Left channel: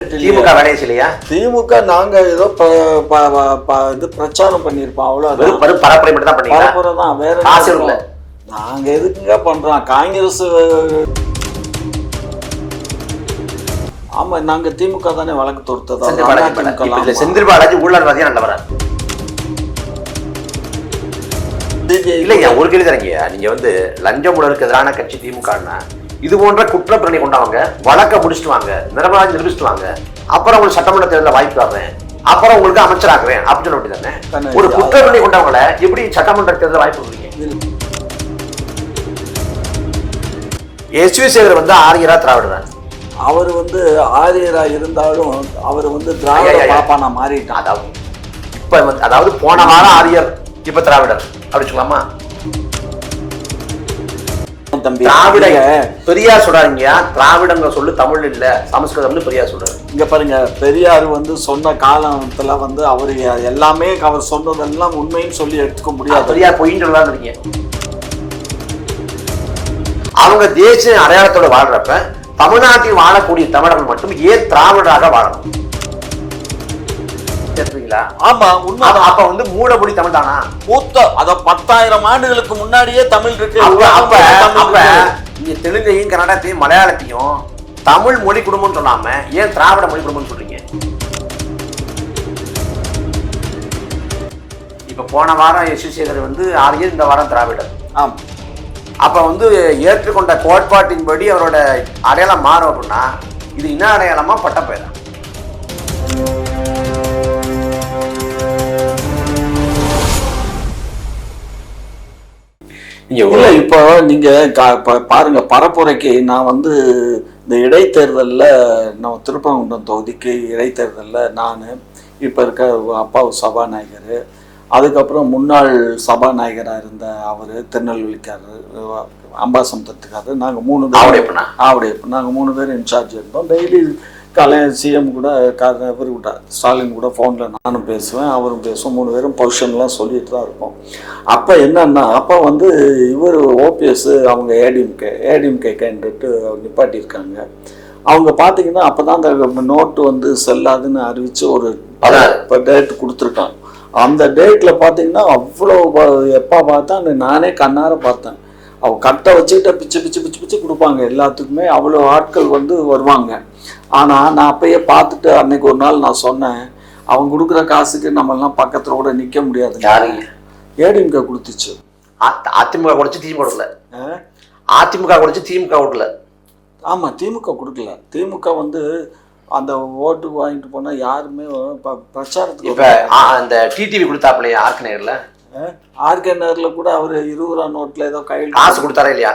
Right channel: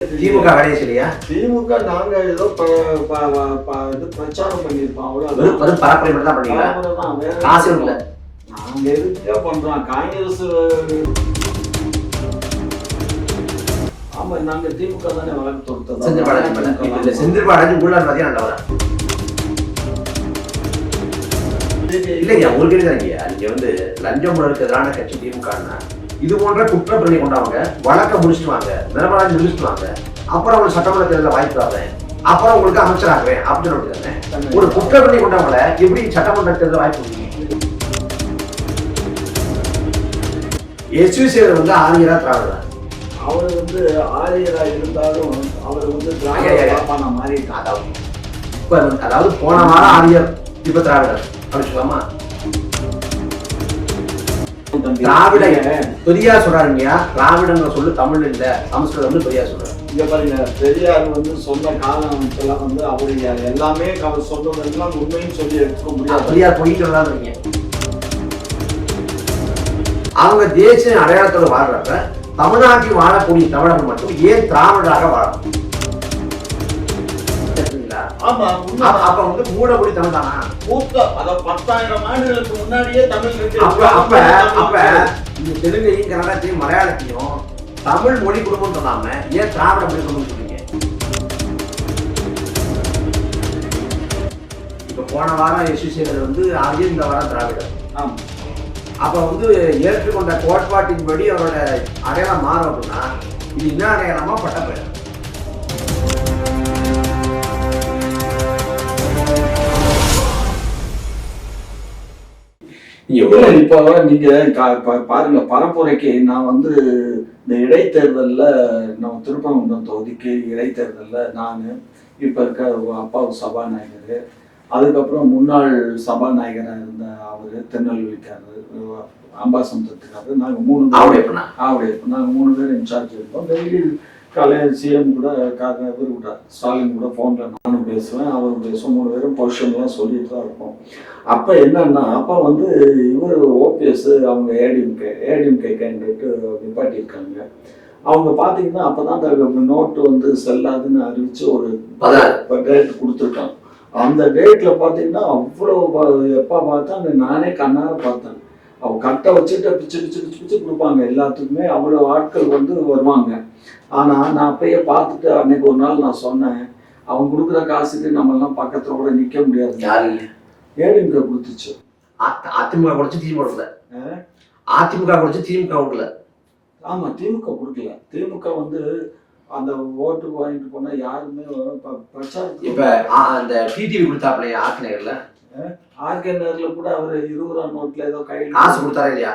திமுக வேலையை செய்யலையா? திமுக நாங்க ஏதோ இது பிரச்சாரம் பண்ணிருப்போம், அவ்வளவுதான். பரப்புரை மட்டும் தான் பண்ணீங்க. பரப்புரை தான், வேற காசு இல்ல. நாங்க எதுக்குங்க பண்றோம்? காங்கிரஸ். ஆமா, நாங்க திமுக தானே வழக்கு தொடுத்ததா? செந்தில் பாலாஜி ஊழல்வாதியா நல்லவரா? இல்லைங்க, ஒரு கேள்வி தரீங்க. நீங்க வந்து லஞ்சம் ஊழலுக்கு எதிரான கட்சி திமுகன்னா இது போன்ற குற்றப்பிரணி கொண்டவங்க வழக்க முடிச்சுட்டு வாங்க, நிரபராதி நிரூபிச்சுட்டு வாங்க, அப்புறம் ஒரு சட்டமன்ற தேர்தலில் வாய்ப்பு வர்றேன், அப்புறம் உங்களுக்கு அமைச்சராக்குவேன் அப்படின்னு அப்படி தானே. ஒரு குற்றப்பிரணி கொண்டவங்கள எப்படி சட்டமன்ற தேர்தலில் வாய்ப்பு கொடுத்தீங்க? எஸ்.வி. சேகர் வந்து ஆரியரா திராவிடர். அவர் வந்து ஆரியரா இருந்தாலும் அவர் வந்து திராவிட பாப்பானா மாறிட்டான். அதாவது இப்ப வந்து, அதாவது போன வாரம் ஆரியர், இப்ப திராவிடர் அப்படி சொல்லாமா? திராவிட பெரியார் சொல்றாங்க, திராவிடங்க சொல்லு தமிழ் இல்ல சமஸ்கிருதம்னு பெரியார் சொல்றாரு. இங்க பாருங்க, பெரியார் வந்து சொன்ன காலத்துல வந்து அவர் எல்லாமே அவர் சொன்னதெல்லாம் உண்மைன்னு சொல்லி எடுத்துக்க முடியாது. பெரியார் பொய்ன்னு சொல்றாங்க. அவங்க தேசிய அடையாளத்தோட வாழ்றப்ப தமிழ்நாட்டில் வாழக்கூடிய தமிழர்கள் மட்டும் ஏன் திராவிடராக வாழணும்? ஆமா, அப்ப வந்து மூடபடி தமிழ் தானா? மூத்த அத 10,000 ஆண்டுகளுக்கு முன்னாடியே தமிழ் இருக்கு. அப்ப நீங்க தெலுங்கையும் கன்னடத்தையும் மலையாளத்தையும் தமிழ் மொழி குடும்பம் சொல்லாம ஏன் திராவிட மொழி குடும்பம் சொல்றீங்க? இப்ப போன வாரம் எஸ்.வி. சேகர் வந்து ஆரியர், இந்த வாரம் திராவிடர். ஆமா, அப்ப வந்து ஏற்றுக்கொண்ட கோட்பாட்டின்படி அவரோட அடையாளம் மாறும் அப்படின்னா இது என்ன அடையாளமா பட்டப்பெயர்? இப்போ நீங்க பாருங்க, பரப்புரைக்கு நான் வந்து இந்த இடைத்தேர்தலில் நம்ம திருப்பரங்குன்றம் தொகுதிக்கு இடைத்தேர்தலில் நான் இப்போ இருக்க அப்பாவு சபாநாயகர், அதுக்கப்புறம் முன்னாள் சபாநாயகராக இருந்த அவர் திருநெல்வேலிக்காரர், அம்பாசமுத்திரத்துக்காரர், நாங்கள் 3 பேர் நாங்கள் 3 பேர் இன்சார்ஜ் இருந்தோம். டெய்லி காலையில் சிஎம் கூட இவர் கூட ஸ்டாலின் கூட ஃபோனில் நானும் பேசுவேன், அவரும் பேசுவோம். 3 பேரும் பொசிஷன்லாம் சொல்லிட்டு தான் இருக்கோம். அப்போ என்னன்னா, அப்போ வந்து இவர் ஓபிஎஸ் அவங்க ஏடிஎம்கே கேண்டிடேட்டு நிப்பாட்டியிருக்காங்க. அவங்க பார்த்தீங்கன்னா அப்போ தான் அந்த நோட்டு வந்து செல்லாதுன்னு அறிவித்து ஒரு டேட் கொடுத்துருக்காங்க. அந்த டேட்டில் பார்த்தீங்கன்னா அவ்வளோ எப்போ பார்த்தா நானே கண்ணார பார்த்தேன். அவங்க கட்டை வச்சுக்கிட்ட பிச்சு பிச்சு பிச்சு பிச்சு கொடுப்பாங்க எல்லாத்துக்குமே, அவ்வளோ ஆட்கள் வந்து வருவாங்க. ஆனால் நான் அப்பயே பார்த்துட்டு அன்னைக்கு ஒரு நாள் நான் சொன்னேன், அவங்க கொடுக்குற காசுக்கு நம்மெல்லாம் பக்கத்தில் கூட நிற்க முடியாது. ஏடிஎம்கே கொடுத்துச்சு. அதிமுக கொடுத்து திமுக கொடுக்கல. அதிமுக கொடுத்து திமுக கொடுக்கல. ஆமாம், திமுக கொடுக்கல. திமுக வந்து அந்த ஓட்டுக்கு வாங்கிட்டு போனால் யாருமே பிரச்சாரத்துக்கு. இப்போ அந்த டிடிவி கொடுத்தாப்புலையா ஆர்கே நகரில் கூட அவர் 20 ரூபா நோட்டில் ஏதோ கையில் காசு கொடுத்தாரா இல்லையா?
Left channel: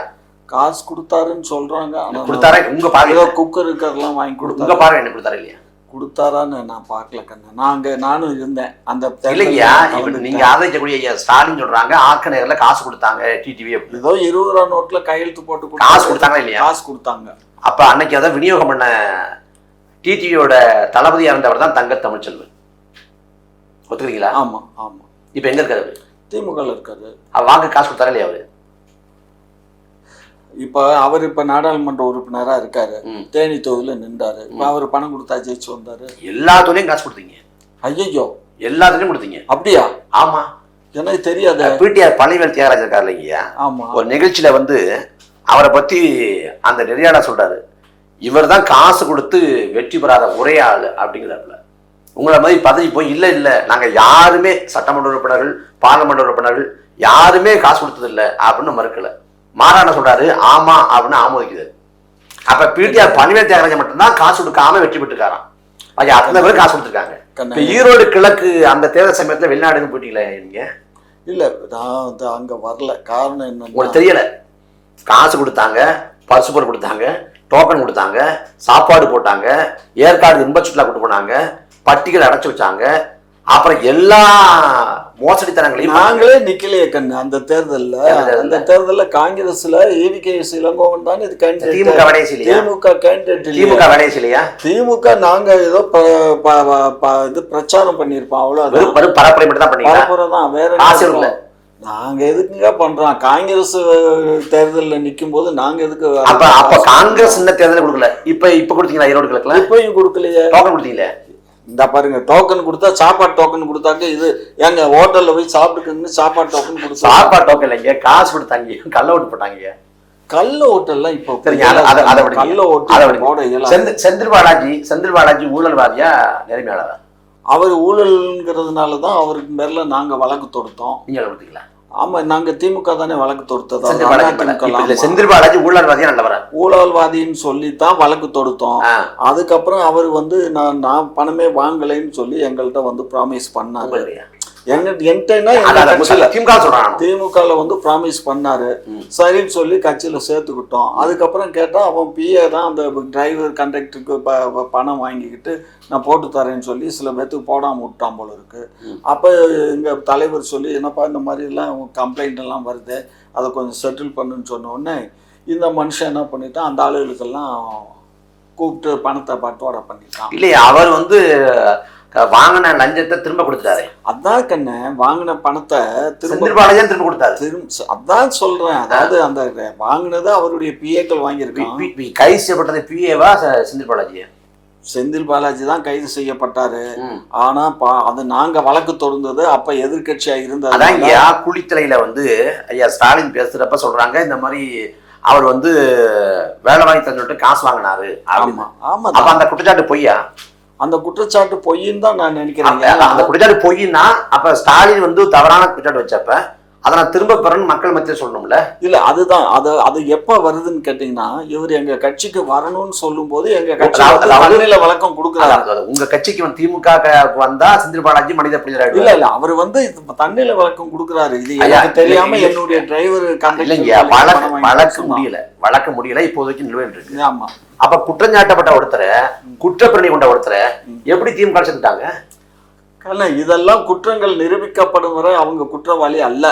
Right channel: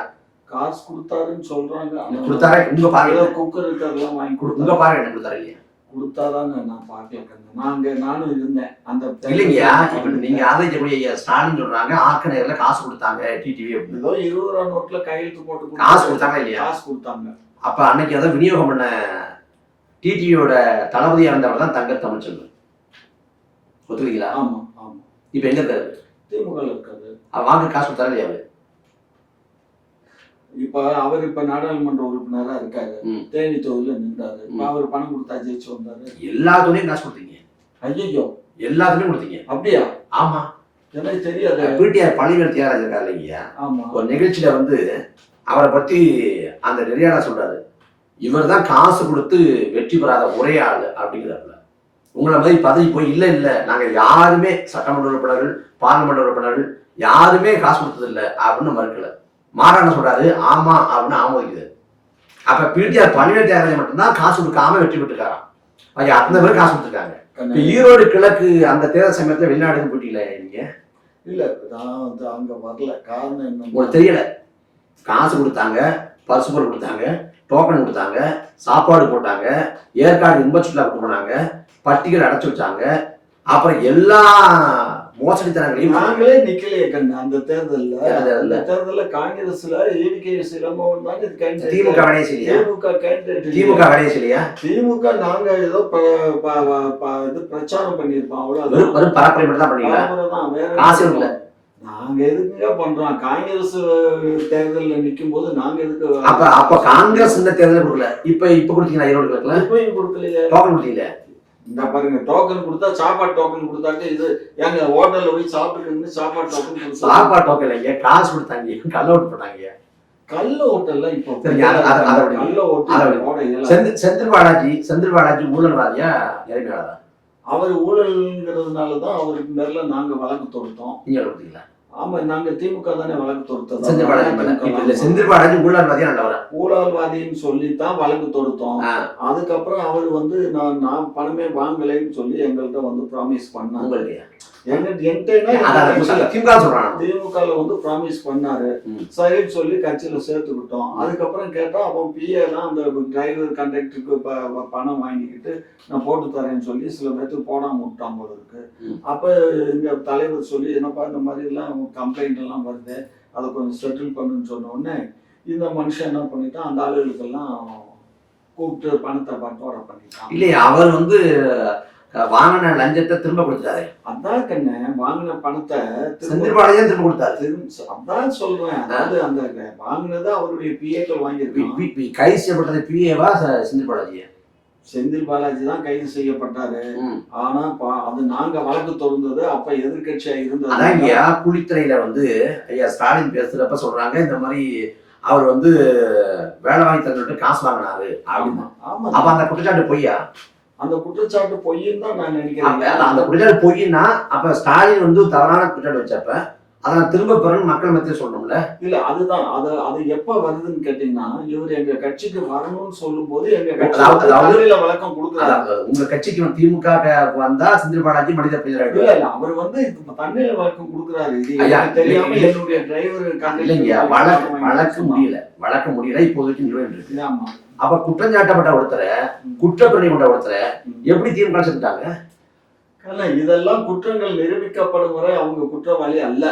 காசு கொடுத்தாருன்னு சொல்றாங்க. கொடுத்தாரா? உங்க பாருங்க, குக்கர் இருக்கிறதெல்லாம் வாங்கி கொடுத்தாங்க. பாருங்க, என்ன கொடுத்தாரா இல்லையா? கொடுத்தாரான்னு நான் பார்க்கல கண்ணு. நானும் இருந்தேன் அந்த. இல்லையா, இப்ப நீங்க ஆதரிக்கக்கூடிய ஸ்டாலின் சொல்றாங்க ஆர்கே நகர்ல காசு கொடுத்தாங்க டிடிவி. ஏதோ 20 ரூபா நோட்ல கையெழுத்து போட்டு காசு கொடுத்தாங்களா இல்லையா? காசு கொடுத்தாங்க. அப்ப அன்னைக்கு அதை விநியோகம் பண்ண டிடிவியோட தளபதியா இருந்தவர் தான் தங்க தமிழ்ச்செல்வன். ஒத்துக்கிறீங்களா? ஆமா ஆமா. இப்ப எங்க இருக்காரு? திமுக இருக்காரு. வாங்க காசு கொடுத்தாரா இல்லையா அவரு? அவர் இப்ப நாடாளுமன்ற உறுப்பினரா இருக்காரு, தேனி தொகுதியில நின்றாரு. அவர் பணம் கொடுத்தா ஜெயிச்சு வந்தாரு. எல்லாத்துலயும் காசு கொடுத்தீங்க? ஐயோ, எல்லாத்துலயும் கொடுத்தீங்க? அப்படியா? ஆமா, எனக்கு தெரியாது. பிடிஆர் பழனிவேல் தியாகராஜர் இருக்காரு இல்லையா? ஆமா. ஒரு நிகழ்ச்சியில வந்து அவரை பத்தி அந்த நெறியாளர் சொல்றாரு, இவர் தான் காசு கொடுத்து வெற்றி பெறாத ஒரே ஆளு அப்படிங்கிறப்ப உங்களை மாதிரி பதவி போய் இல்ல இல்ல நாங்க யாருமே சட்டமன்ற உறுப்பினர்கள், பார்லமெண்ட் உறுப்பினர்கள் யாருமே காசு கொடுத்தது இல்லை அப்படின்னு மறுக்கல. மாறான சொல்றாரு ஆமா அப்படின்னு ஆமோதிக்குது. அப்ப பிடிஆர் பழனிவேல் தியாகராஜன் மட்டும்தான் காசு கொடுக்காம வெற்றி பெற்றுக்காராம். அத்தனை பேர் காசு கொடுத்துருக்காங்க. ஈரோடு கிழக்கு அந்த தேர்தல் சமயத்துல வெளிநாடு போயிட்டீங்களா நீங்க? இல்ல, நான் அங்க வரல. காரணம் என்ன உங்களுக்கு தெரியல. காசு கொடுத்தாங்க, பசுபொருள் கொடுத்தாங்க, டோக்கன் கொடுத்தாங்க, சாப்பாடு போட்டாங்க, ஏற்காடு இன்ப சுற்றுலா கூட்டு போனாங்க, பட்டிகள் அடைச்சு வச்சாங்க. அப்புறம் எல்லா மோசடித்தனங்களையும் நாங்களே நிக்கலையே கண்ணு. அந்த தேர்தல்ல காங்கிரஸ்ல ஏவிகேஎஸ் இளங்கோவன் தான் இது கேண்டிடேட். திமுக கேண்டிடேட். திமுக இல்லையா? திமுக நாங்க ஏதோ இது பிரச்சாரம் பண்ணிருப்போம், அவ்வளவுதான். பரப்புரை மட்டும் தான் பண்ணீங்க. பரப்புரை தான், வேற காசு இல்ல. நாங்க எதுக்குங்க பண்றோம்? காங்கிரஸ் தேர்தல்ல நிக்கும் போது நாங்க எதுக்கு? அப்ப காங்கிரஸ் இந்த தேர்தல் கொடுக்கல, இப்ப கொடுத்தீங்களா? ஈரோடு கிழக்குல இப்பயும் கொடுக்கலையே. டோக்கன் கொடுத்தீங்களே. இந்த பாருங்க, டோக்கன் கொடுத்தா சாப்பாடு டோக்கன் கொடுத்தாங்க. இது எங்க ஹோட்டல்ல போய் சாப்பிட்டுக்கு சாப்பாடு டோக்கன் கொடுத்தா சாப்பாடு டோக்கன் இல்லைங்க, காசு கொடுத்தாங்க, கள்ள ஓட்டு போட்டாங்க. கள்ள ஓட்டெல்லாம் இப்போ செந்தில் பாலாஜி ஊழல்வாதியா நேர்மையாளரா? அவர் ஊழல்ங்கிறதுனாலதான் அவருக்கு மேல நாங்க வழக்கு தொடுத்தோம். நீங்க கொடுத்தீங்களா? ஆமா, நாங்க திமுக தானே வழக்கு தொடுத்தோம். செந்தில் பாலாஜி ஊழல்வாதியா நல்லவரா? ஊழல்வாதின்னு சொல்லித்தான் வழக்கு தொடுத்தோம். அதுக்கப்புறம் அவர் வந்து நான் பணமே வாங்கலைன்னு சொல்லி எங்கள்கிட்ட வந்து ப்ராமிஸ் பண்ணாங்க. திமுகல வந்து ப்ராமிஸ் பண்ணாரு. சரின்னு சொல்லி கட்சியில சேர்த்துக்கிட்டோம். அதுக்கப்புறம் கேட்டா அவன் பிஏ தான் அந்த டிரைவர் கண்டக்டருக்கு பணம் வாங்கிக்கிட்டு நான் போட்டு தரேன்னு சொல்லி சில பேர்த்துக்கு போடாம விட்டான் போல இருக்கு. அப்ப எங்க தலைவர் சொல்லி என்னப்பா இந்த மாதிரி எல்லாம் கம்ப்ளைண்ட் எல்லாம் வருது, அதை கொஞ்சம் செட்டில் பண்ணுன்னு சொன்ன உடனே இந்த மனுஷன் என்ன பண்ணிட்டான், அந்த ஆளுகளுக்கெல்லாம் கூப்பிட்டு பணத்தை பட்டுவாடா பண்ணிட்டான். இல்லையா, அவர் வந்து வாங்கின லஞ்சத்தை திரும்ப கொடுத்தாரு. அதான் கண்ணு, வாங்கின பணத்தை திரும்ப கொடுத்தாரு. அதான் சொல்றேன். அதாவது அந்த வாங்கினது அவருடைய பிஏக்கள் வாங்கியிருக்கான். கைது செய்யப்பட்டது பிஏவா செந்தில் பாலாஜியா? செந்தில் பாலாஜி தான் கைது செய்யப்பட்டாரு. ஆனா அது நாங்க வழக்கு தொடர்ந்தது அப்ப எதிர்கட்சியா இருந்தது. அதான் ஐயா, குளித்தலையில வந்து ஐயா ஸ்டாலின் பேசுறப்ப சொல்றாங்க இந்த மாதிரி அவர் வந்து வேலை வாங்கி தந்துட்டு காசு வாங்கினாரு. ஆமா ஆமா. அப்ப அந்த குற்றச்சாட்டு பொய்யா? அந்த குற்றச்சாட்டு பொய்ன்னு தான் நான் நினைக்கிறேன். அந்த குற்றச்சாட்டு பொய்னா அப்ப ஸ்டாலின் வந்து தவறான குற்றச்சாட்டு வச்சப்ப அதை நான் திரும்ப பெறணும் மக்கள் மத்திய சொல்லணும்ல. இல்ல, அதுதான் அது எப்ப வருதுன்னு கேட்டீங்கன்னா, இவர் எங்க கட்சிக்கு வரணும்னு சொல்லும் போது எங்க கட்சியில வழக்கம் கொடுக்குறாரு. உங்க கட்சிக்கு திமுக வந்தா செந்தில் பாலாஜி மனித புரிதல் இல்ல அவர் வந்து தண்ணியில வழக்கம் கொடுக்குறாரு. இது எனக்கு தெரியாம என்னுடைய டிரைவர் வழக்கு முடியல இப்போதைக்கு நிலுவையில் இருக்கு. ஆமா. அப்ப குற்றஞ்சாட்டப்பட்ட ஒருத்தரை, குற்றப்பிரணி கொண்ட ஒருத்தரை எப்படி திமுக செஞ்சுட்டாங்க? இதெல்லாம் குற்றங்கள் நிரூபிக்கப்படும் வரை அவங்க குற்றவாளி அல்ல.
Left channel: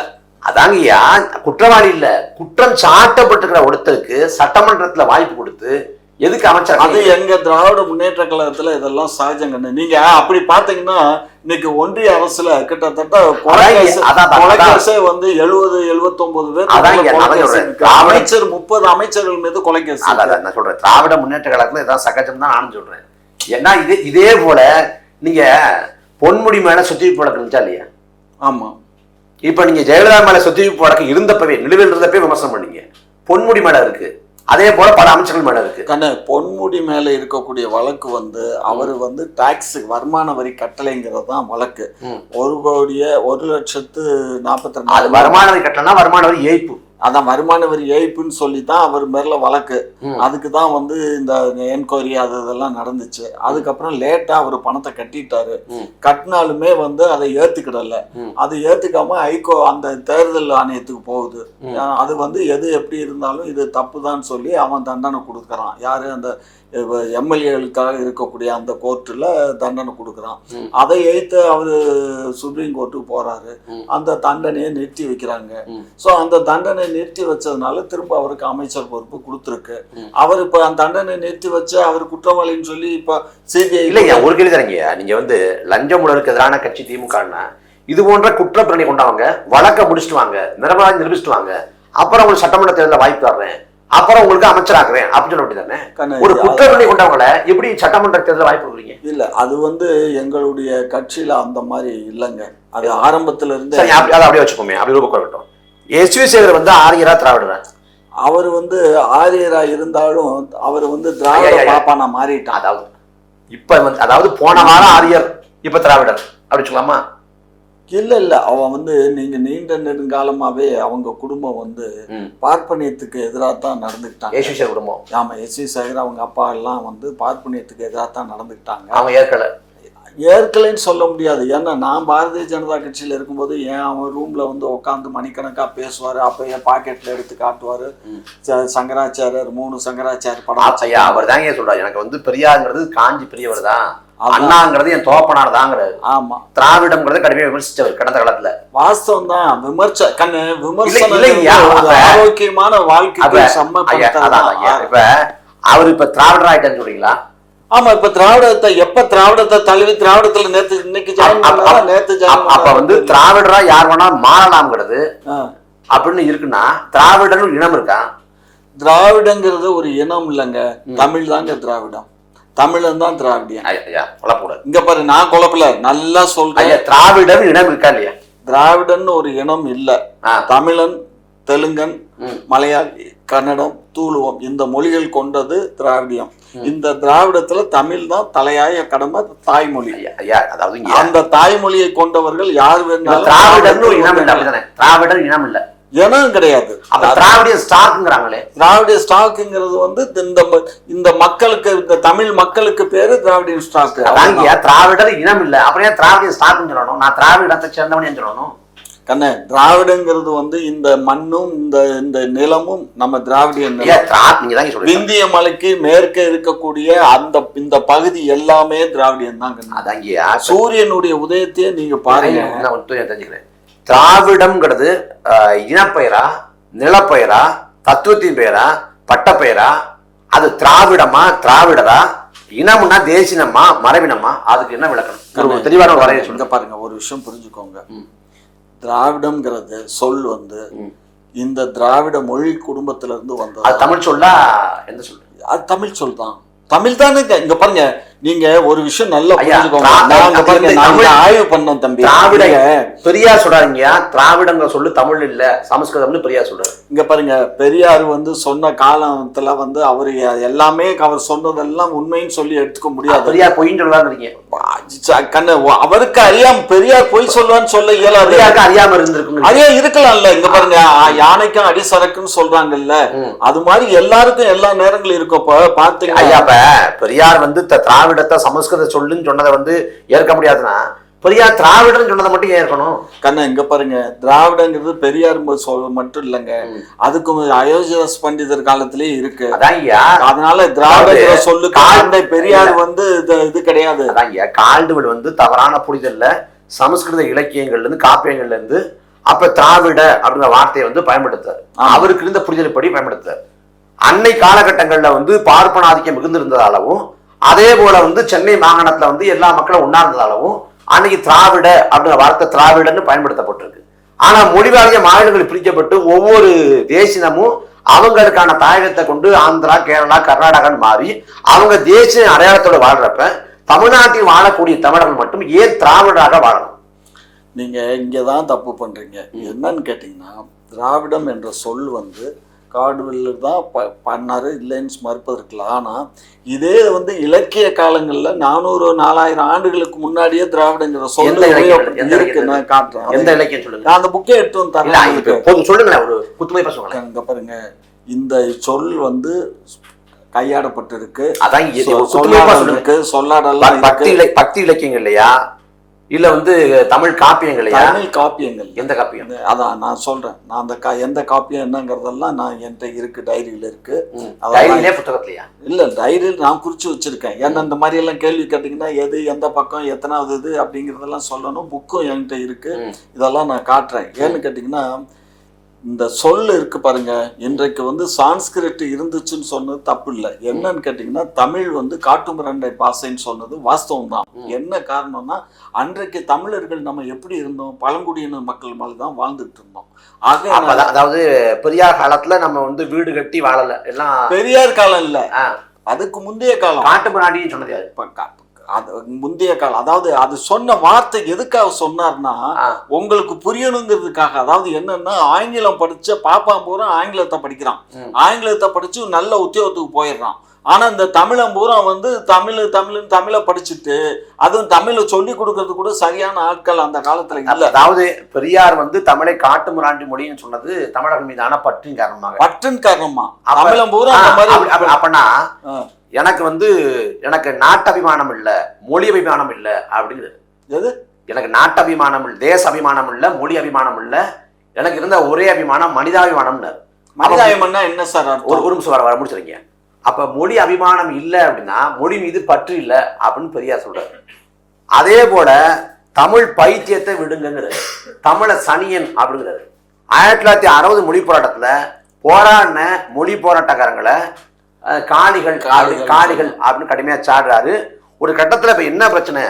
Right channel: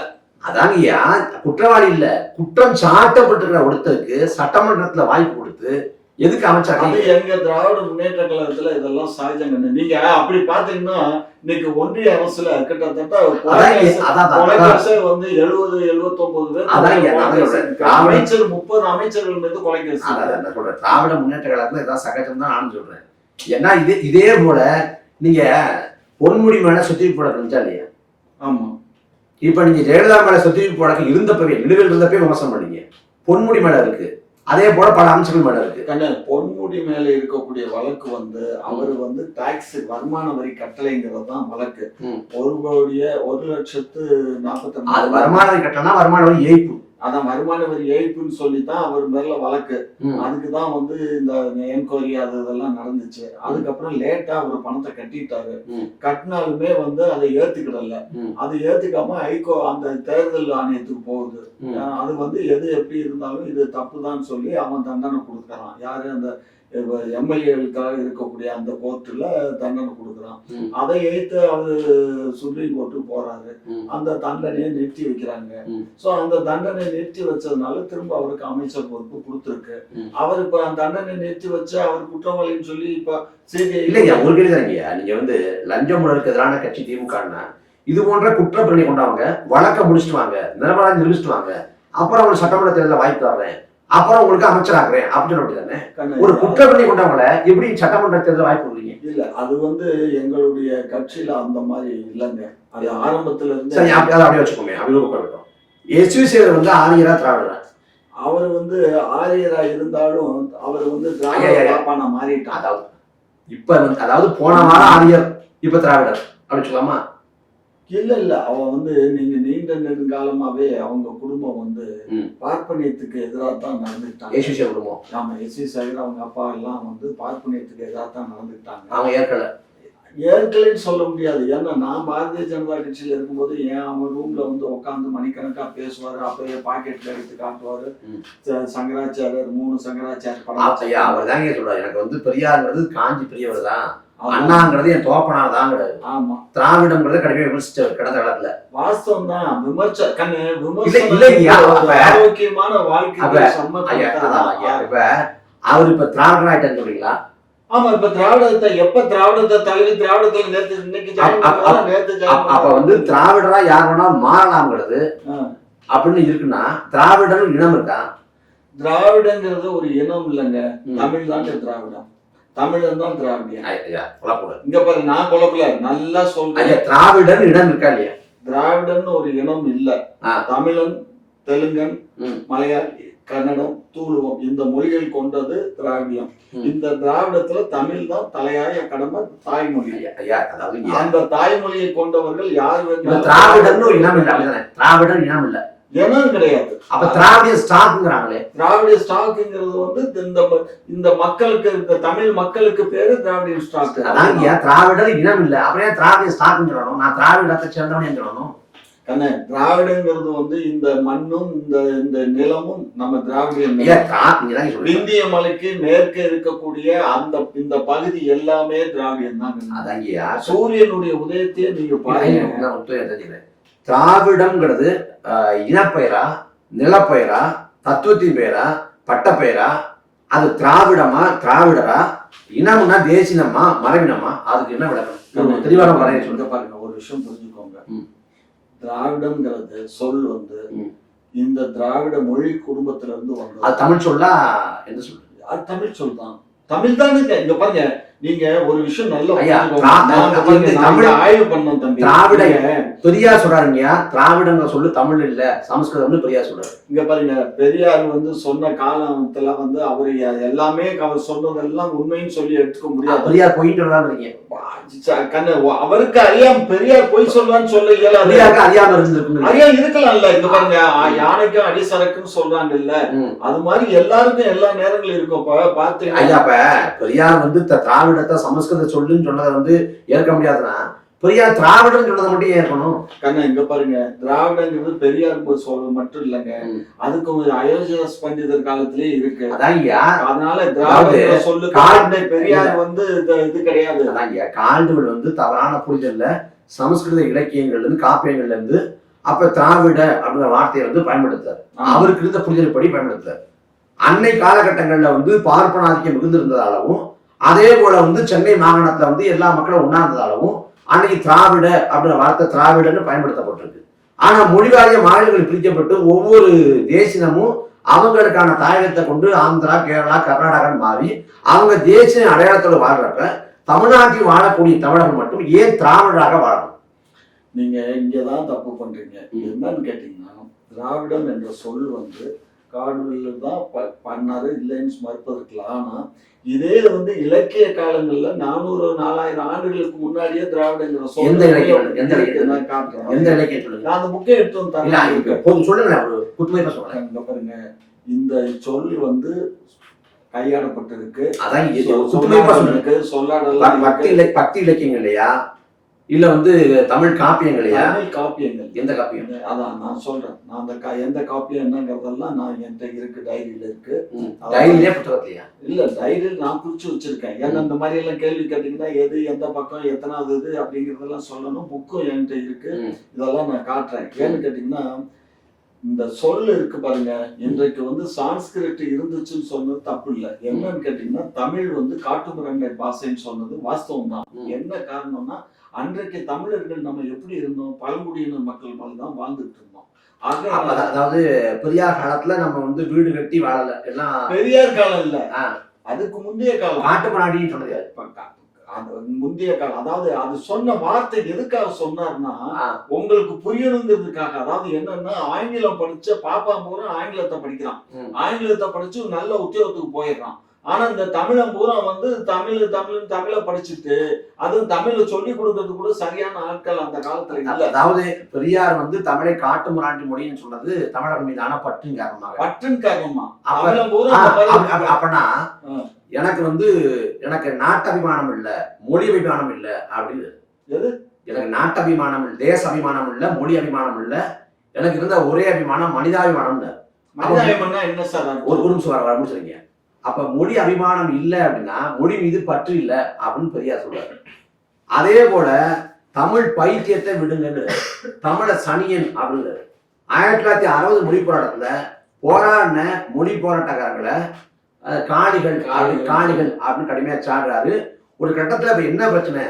அதாங்கய்யா, குற்றவாளி இல்ல, குற்றம் சாட்டப்பட்டிருக்கிற ஒருத்தருக்கு சட்டமன்றத்துல வாய்ப்பு கொடுத்து எதுக்கு அமைச்சர்? அது எங்க திராவிட முன்னேற்ற கழகத்துல இதெல்லாம் சகஜங்க. நீங்க அப்படி பாத்தீங்கன்னா இன்னைக்கு ஒன்றிய அரசுல கிட்டத்தட்ட வந்து 70-79 பேர் அமைச்சர், 30 அமைச்சர்கள் மீது கொலைகேஸ். நான் சொல்றேன், திராவிட முன்னேற்ற கழகத்துல இதான் சகஜம் தான் நானும் சொல்றேன். ஏன்னா இதே போல நீங்க பொன்முடி மேல சொத்துவிப்பு வழக்கு இருந்துச்சா இல்லையா? ஆமா. இப்ப நீங்க ஜெயலலிதா மேல சொத்துவிப்பு வழக்கு இருந்தப்பவே, நிலுவையில் இருந்தப்பவே விமர்சனம் பண்ணீங்க. பொன்முடி மேல இருக்கு, அதே போல பல அமைச்சர்கள் மேல இருக்கு. பொன்முடி மேல இருக்கக்கூடிய வழக்கு வந்து அவரு வந்து டாக்ஸ் வருமான வரி கட்டளைங்கிறது தான் வழக்கு. 1,40,42,000 வருமான வரி கட்டளைனா வருமான வரி ஏய்ப்பு. அதான் வருமான வரி ஏய்ப்புன்னு சொல்லி தான் அவர் மேல வழக்கு. அதுக்கு தான் வந்து இந்த என்கொயரி அது இதெல்லாம் நடந்துச்சு. அதுக்கப்புறம் லேட்டா அவர் பணத்தை கட்டிட்டாரு. கட்டினாலுமே வந்து அதை ஏத்துக்கிடல. அது ஏத்துக்காம அந்த தேர்தல் ஆணையத்துக்கு போகுது. அது வந்து எது எப்படி இருந்தாலும் இது தப்புதான் சொல்லி அவன் தண்டனை கொடுக்கறான். யாரு? அந்த எம்எல்ஏகளுக்காக இருக்கக்கூடிய அந்த கோர்ட்டுல தண்டனை கொடுக்குறான். அதை ஏற்று அவரு சுப்ரீம் கோர்ட்டுக்கு போறாரு. அந்த தண்டனையை நிறுத்தி வைக்கிறாங்க. சோ அந்த தண்டனை நிறுத்தி வச்சதுனால திரும்ப அவருக்கு அமைச்சர் பொறுப்பு கொடுத்துருக்கு. அவர் இப்ப அந்த தண்டனை நிறுத்தி வச்சு அவர் குற்றவாளின்னு சொல்லி இப்ப சிபிஐ இல்லைங்க. ஒரு கேள்வி தரீங்க, நீங்க வந்து லஞ்சம் ஊழலுக்கு எதிரான கட்சி திமுகன்னா இது போன்ற குற்றப்பிரணி கொண்டவங்க வழக்க முடிச்சுட்டு வாங்க, நிரபராதி நிரூபிச்சுட்டு வாங்க, அப்புறம் ஒரு சட்டமன்ற தேர்தலில் வாய்ப்பு தர்றேன், அப்புறம் உங்களுக்கு அமைச்சராக்குறேன் அப்படின்னு தானே. ஒரு குற்றப்பிரணி கொண்டவங்கள எப்படி சட்டமன்ற தேர்தல் வாய்ப்பு கொடுக்குறீங்க? இல்ல, அது வந்து எங்களுடைய கட்சியில அந்த மாதிரி இல்லைங்க. அது ஆரம்பத்துல இருந்து அப்படியே வச்சுக்கோமே. அப்படி ரூபம் எஸ்வி சேகர் வந்து ஆரியரா திராவிடரா? அவர் வந்து ஆரியரா இருந்தாலும் அவர் வந்து திராவிட பாப்பானா மாறிட்டான். அதாவது இப்ப வந்து, அதாவது போன வாரம் ஆரியர், இப்ப திராவிடர் அப்படி சொல்லலாமா? இல்ல அவன் வந்து நீங்க நீண்ட நெடுங்காலமாவே அவங்க குடும்பம் வந்து பார்ப்பனியத்துக்கு எதிராக தான் நடந்துக்கிட்டாங்க. குடும்பம். ஆமா, எஸ்வி சேகர் அவங்க அப்பா எல்லாம் வந்து பார்ப்பனியத்துக்கு எதிராக தான் நடந்துக்கிட்டாங்க. அவன் ஏற்கலைன்னு சொல்ல முடியாது. ஏன்னா நான் பாரதிய ஜனதா கட்சியில இருக்கும்போது அவன் ரூம்ல வந்து உட்காந்து மணிக்கணக்கா பேசுவாரு. அப்பயே பாக்கெட்ல எடுத்து காட்டுவாரு. சங்கராச்சாரியர் 3 சங்கராச்சாரியர் படம். அவர் தாங்க சொல்றாரு, எனக்கு வந்து பெரியாருங்கிறது காஞ்சி பெரியவர் தான், அண்ணாங்கிறது என் தோப்பனார் தாங்கிறது. ஆமா, திராவிடம்ங்கிறது கடுமையாக விமர்சிச்சவர் கடந்த காலத்துல. வாஸ்தவம் தான். விமர்சனம் ஆரோக்கியமான வாழ்க்கை. இப்ப அவர் இப்ப திராவிடர் ஆயிட்டான்னு சொல்றீங்களா? ஆமா, இப்ப திராவிடத்தை தழுவி திராவிடத்துல இன்னைக்கு அப்ப வந்து திராவிடரா யார் வேணா மாறலாம்ங்கிறது அப்படின்னு இருக்குன்னா திராவிடன்னு இனம் இருக்கா? திராவிடங்கிறது ஒரு இனம் இல்லைங்க, தமிழ் தாங்க திராவிடம். தமிழன் தான் திராவிடியன். இங்க பாரு, நான் குழப்பல, நல்லா சொல்றேன். திராவிடன் இனம் இருக்கா இல்லையா? திராவிடன் ஒரு இனம் இல்ல. தமிழன், தெலுங்கன், மலையாளி, கன்னடம், தூளுவம் இந்த மொழிகள் கொண்டது திராவிடியம். இந்த திராவிடத்துல தமிழ் தான் தலையாய கடமை, தாய்மொழி. அதாவது அந்த தாய்மொழியை கொண்டவர்கள் யார் வேணாலும் திராவிடன் இனம் இல்ல. திராவிடன் இனம் இல்ல, இனம் கிடையாது. அப்ப திராவிட ஸ்டாக்குங்கிறாங்களே. திராவிட ஸ்டாக்குங்கிறது வந்து இந்த மக்களுக்கு, இந்த தமிழ் மக்களுக்கு பேரு திராவிட ஸ்டாக். திராவிடர் இனம் இல்ல, அப்புறம் திராவிட ஸ்டாக்குன்னு சொல்லணும்? நான் திராவிடத்தை சேர்ந்தவனே சொல்லணும். கண்ண, திராவிடங்கிறது வந்து இந்த மண்ணும் இந்த நிலமும் நம்ம திராவிடியன். இந்திய மலைக்கு மேற்கே இருக்கக்கூடிய இந்த பகுதி எல்லாமே திராவிடியன் தான். சூரியனுடைய உதயத்தையே நீங்க பாருங்க. திராவிடம்ங்கிறது இனப்பெயரா, நிலப்பெயரா, தத்துவத்தின் பெயரா, பட்டப்பெயரா? அது திராவிடமா, திராவிடரா, இனம்னா தேசினமா, மரபினமா? அதுக்கு என்ன விளக்கணும்? தெளிவான வரைய சொல்லுங்க. பாருங்க, ஒரு விஷயம் புரிஞ்சுக்கோங்க. திராவிடம்ங்கிறது சொல் வந்து இந்த திராவிட மொழி குடும்பத்துல இருந்து வந்தது. அது தமிழ் சொல்லா? என்ன சொல்லு? அது தமிழ் சொல் தான். தமிழ் தானே. இங்க பாருங்க, நீங்க ஒரு விஷயம் நல்லா புரிஞ்சுக்கோங்க. ஆய்வு பண்ணோம் தம்பி. திராவிட பெரியார் சொல்றாங்க, திராவிடங்க சொல்லு தமிழ் இல்ல, சமஸ்கிருதம்னு பெரியார் சொல்றாரு. இங்க பாருங்க, பெரியார் வந்து சொன்ன காலத்துல வந்து அவரு எல்லாமே அவர் சொன்னதெல்லாம் உண்மைன்னு சொல்லி எடுத்துக்க முடியாது. பெரியார் பொய்ன்னு சொல்றாங்க. அவருக்கு அறியாம பெரியார் பொய் சொல்லுவான்னு சொல்ல இயலாது. அறியாம இருந்திருக்கும், அறியா இருக்கலாம்ல. இங்க பாருங்க, யானைக்கும் அடிசரக்குன்னு சொல்றாங்கல்ல, அது மாதிரி எல்லாருக்கும் எல்லா நேரங்களும் இருக்கப்ப பாத்தீங்கன்னா பெரியார் வந்து திராவிடத்தை சமஸ்கிருத சொல்லுன்னு சொன்னதை வந்து ஏற்க முடியாதுன்னா பெரியார் திராவிடம் சொன்னதை மட்டும் ஏற்கணும். கண்ணா, இங்க பாருங்க, திராவிடங்கிறது பெரியார் மட்டும் இல்லைங்க, அதுக்கு அயோத்தியாஸ் பண்டிதர் காலத்திலேயே இருக்கு. அதனால திராவிட சொல்லு பெரியார் வந்து இது கிடையாது. கால்டுவெல் வந்து தவறான புரிதல்ல சமஸ்கிருத இலக்கியங்கள்ல இருந்து, காப்பியங்கள்ல இருந்து அப்ப திராவிட அப்படிங்கிற வார்த்தையை வந்து பயன்படுத்தாரு. அவருக்கு இருந்த புரிதல் படி பயன்படுத்தாரு. அன்னை காலகட்டங்கள்ல வந்து பார்ப்பனாதிக்கம் மிகுந்திருந்ததாலவும், அதே போல வந்து சென்னை மாகாணத்துல வந்து எல்லா மக்களும் உண்ணார்ந்ததாலவும் அன்னைக்கு திராவிட அப்படிங்கிற வார்த்தை திராவிடன்னு பயன்படுத்தப்பட்டிருக்கு. ஆனா மொழிவாரிய மாநிலங்கள் பிரிக்கப்பட்டு ஒவ்வொரு தேசினமும் அவங்களுக்கான தாயகத்தை கொண்டு ஆந்திரா, கேரளா, கர்நாடகான்னு மாறி அவங்க தேசிய அடையாளத்தோட வாழ்றப்ப தமிழ்நாட்டில் வாழக்கூடிய தமிழர்கள் மட்டும் ஏன் திராவிடராக வாழணும்? நீங்க இங்கதான் தப்பு பண்றீங்க. என்னன்னு கேட்டீங்கன்னா, திராவிடம் என்ற சொல் வந்து காடுவெல்லு தான் பண்ணாரு, இல்லைன்னு மறுப்பதற்கலாம். ஆனா இதே வந்து இலக்கிய காலங்கள்ல 400-4000 ஆண்டுகளுக்கு முன்னாடியே திராவிடங்கிற சொல் இருக்கு. நான் காட்டுறேன். எந்த இலக்கியம் சொல்லுங்க. நான் அந்த புக்கை எடுத்து வந்து சொல்லுங்க. இங்க பாருங்க, இந்த சொல் வந்து கையாடப்பட்டிருக்கு, சொல்லாடலாம். பக்தி இலக்கியங்கள் இல்லையா, இல்ல வந்து தமிழ் காப்பியங்களையா? தமிழ் காப்பியங்கள். எந்த காப்பியம்? அதான் நான் சொல்றேன். நான் அந்த எந்த காப்பியம் என்னங்கிறதெல்லாம் நான் என்கிட்ட இருக்கு, டைரியில இருக்கு. புத்தகத்திலயா? இல்ல, டைரியில் நான் குறிச்சு வச்சிருக்கேன். ஏன்னா இந்த மாதிரி எல்லாம் கேள்வி கேட்டீங்கன்னா எது எந்த பக்கம் எத்தனாவது இது அப்படிங்கறதெல்லாம் சொல்லணும். புக்கும் என்கிட்ட இருக்கு, இதெல்லாம் நான் காட்டுறேன். ஏன்னு கேட்டீங்கன்னா, இந்த சொல் இருக்கு பாருங்க, இன்றைக்கு வந்து சான்ஸ்கிரிட் இருந்துச்சுன்னு சொன்னது தப்பு இல்லை. என்னன்னு கேட்டீங்கன்னா, தமிழ் வந்து காட்டுமிராண்டை பாசைன்னு சொன்னது வாஸ்தவம் தான். என்ன காரணம்னா, அன்றைக்கு தமிழர்கள் நம்ம எப்படி இருந்தோம், பழங்குடியினர் மக்கள் மேல தான் வாழ்ந்துட்டு இருந்தோம். அதாவது பெரியார் காலத்துல நம்ம வந்து வீடு கட்டி வாழல, எல்லாம் பெரியார் காலம் இல்ல, அதுக்கு முந்தைய காலம். காட்டுமிராண்டின்னு சொன்னது அது முந்தைய காலம். அதாவது அது சொன்ன வார்த்தை எதுக்காக சொன்னார்னா, உங்களுக்கு புரியணுங்கிறதுக்காக. அதாவது என்னன்னா, ஆங்கிலம் படிச்ச பாப்பா பூரா ஆங்கிலத்தை படிக்கிறான், ஆங்கிலத்தை படிச்சு நல்ல உத்தியோகத்துக்கு போயிடுறான். ஆனா இந்த தமிழன் பூரா வந்து தமிழை படிச்சுட்டு அதுவும் தமிழை சொல்லி கொடுக்கறது கூட சரியான ஆட்கள் அந்த காலத்துல இல்ல. அதாவது பெரியார் வந்து தமிழை காட்டு முராண்டி மொழின்னு சொன்னது தமிழர் மீதான பற்றின் காரணமா. தமிழன் பூரா அப்பனா எனக்கு வந்து எனக்கு நாட்டபிமானம் இல்ல, மொழி அபிமானம் இல்ல அப்படிங்கிறது. எனக்கு நாட்டபிமானம் இல்ல, தேச அபிமானம் இல்ல, மொழி அபிமானம் இல்ல, எனக்கு இருந்த ஒரே அபிமானம் மனிதாபிமானம். மனிதாபிமானம் என்ன சார்? ஒரு நிமிஷம் வர முடிச்சிருக்கீங்க. அப்ப மொழி அபிமானம் இல்ல அப்படின்னா மொழி மீது பற்று இல்ல அப்படின்னு பெரியார் சொல்றாரு. அதே போல தமிழ் பைத்தியத்தை விடுங்கிறது, தமிழ சனியன் அப்படிங்கிறது. 1960 மொழி போராட்டத்துல போராடின மொழி போராட்டக்காரங்களை காணிகள் காணிகள் அப்படின்னு கடுமையா சாடுறாரு. ஒரு கட்டத்துல இப்ப என்ன பிரச்சனை,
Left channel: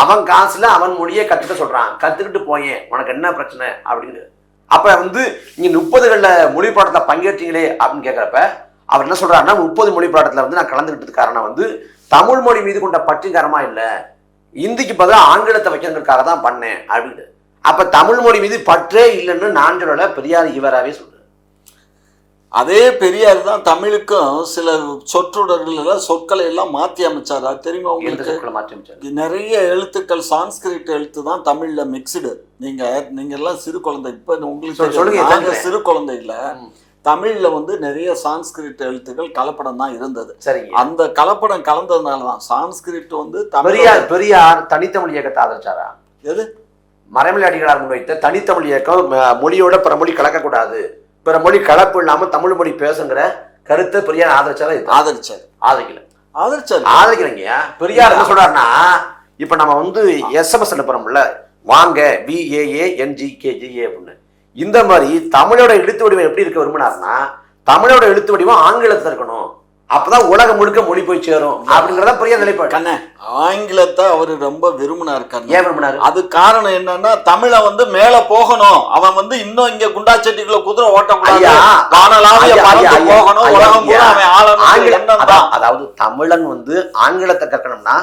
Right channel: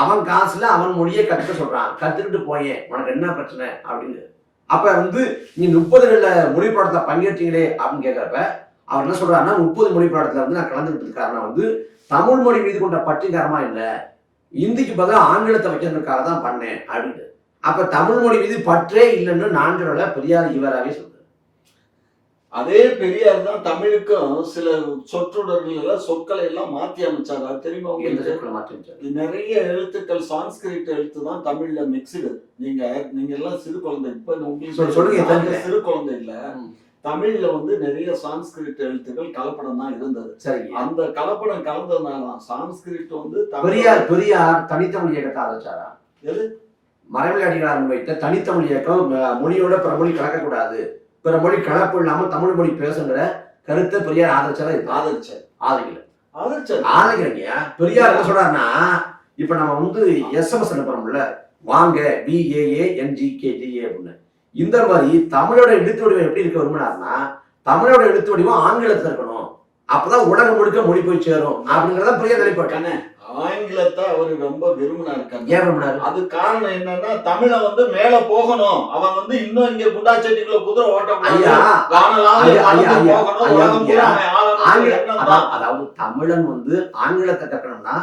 அவன் காசுல அவன் மொழியை கத்துக்க சொல்றான், கத்துக்கிட்டு போயேன் உனக்கு என்ன பிரச்சனை அப்படின்னு. அப்ப வந்து நீங்க 30கள்ல மொழி பாடத்துல பங்கேற்றீங்களே அப்படின்னு கேட்கிறப்ப அவர் என்ன சொல்றாருன்னா 30 மொழி பாடத்துல வந்து நான் கலந்துக்கிட்டது காரணம் வந்து தமிழ் மொழி மீது கொண்ட பற்றிகாரமா இல்ல, இந்திக்கு பதிலா ஆங்கிலத்தை வைக்கிறதுக்காக தான் பண்ணேன் அப்படின்னு. அப்ப தமிழ் மொழி மீது பற்றே இல்லைன்னு நான் சொல்லல, பெரியார் இவராகவே சொல்றாரு. அதே பெரியார் தான் தமிழுக்கும் சில சொற்றொடர்கள் சொற்களை எல்லாம் மாற்றி அமைச்சார். அது தெரியுமா உங்களுக்கு? நிறைய எழுத்துக்கள் சான்ஸ்கிரிட் எழுத்து தான் தமிழ்ல மிக்ஸ்டு. நீங்க எல்லாம் சிறு குழந்தை, இப்ப உங்களுக்கு சிறு குழந்தை இல்ல, தமிழ்ல வந்து நிறைய சான்ஸ்கிரிட் எழுத்துக்கள் கலப்படம் தான் இருந்தது. சரி, அந்த கலப்படம் கலந்ததுனாலதான் சான்ஸ்கிரிட் வந்து பெரியார் தனித்தமிழ் இயக்கத்தை ஆதரிச்சாரா? எது மறைமலை அடிகளார் முன்வைத்த தனித்தமிழ் இயக்கம், மொழியோட பிற மொழி கலக்கக்கூடாது, பிற மொழி கலப்பு இல்லாம தமிழ் மொழி பேசுங்கிற கருத்தை பெரியார் ஆதரிச்சாரு? ஆதரிக்கலைங்க. பெரியார் என்ன சொல்றாருன்னா, இப்ப நம்ம வந்து SMS அனுப்புறோம்ல, வாங்க VAANGKGA அப்படின்னு, இந்த மாதிரி தமிழோட எழுத்து வடிவம் எப்படி இருக்க விரும்பினாருன்னா, தமிழோட எழுத்து வடிவம் ஆங்கிலத்துல இருக்கணும், அப்பதான் உலகம் முழுக்க மொழி போய் சேரும் அப்படிங்கறத பெரியார் நிலைப்பாடு. ஆங்கிலத்தை அவரு ரொம்ப விரும்பினார். ஏன் விரும்பினாரு? அது காரணம் என்னன்னா, தமிழை வந்து மேல போகணும், அவன் வந்து இன்னும் இங்க குண்டாச்செட்டிக்குள்ள குதிரை ஓட்டக்கூடாது, அதாவது தமிழன் வந்து ஆங்கிலத்தை கற்கணும்னா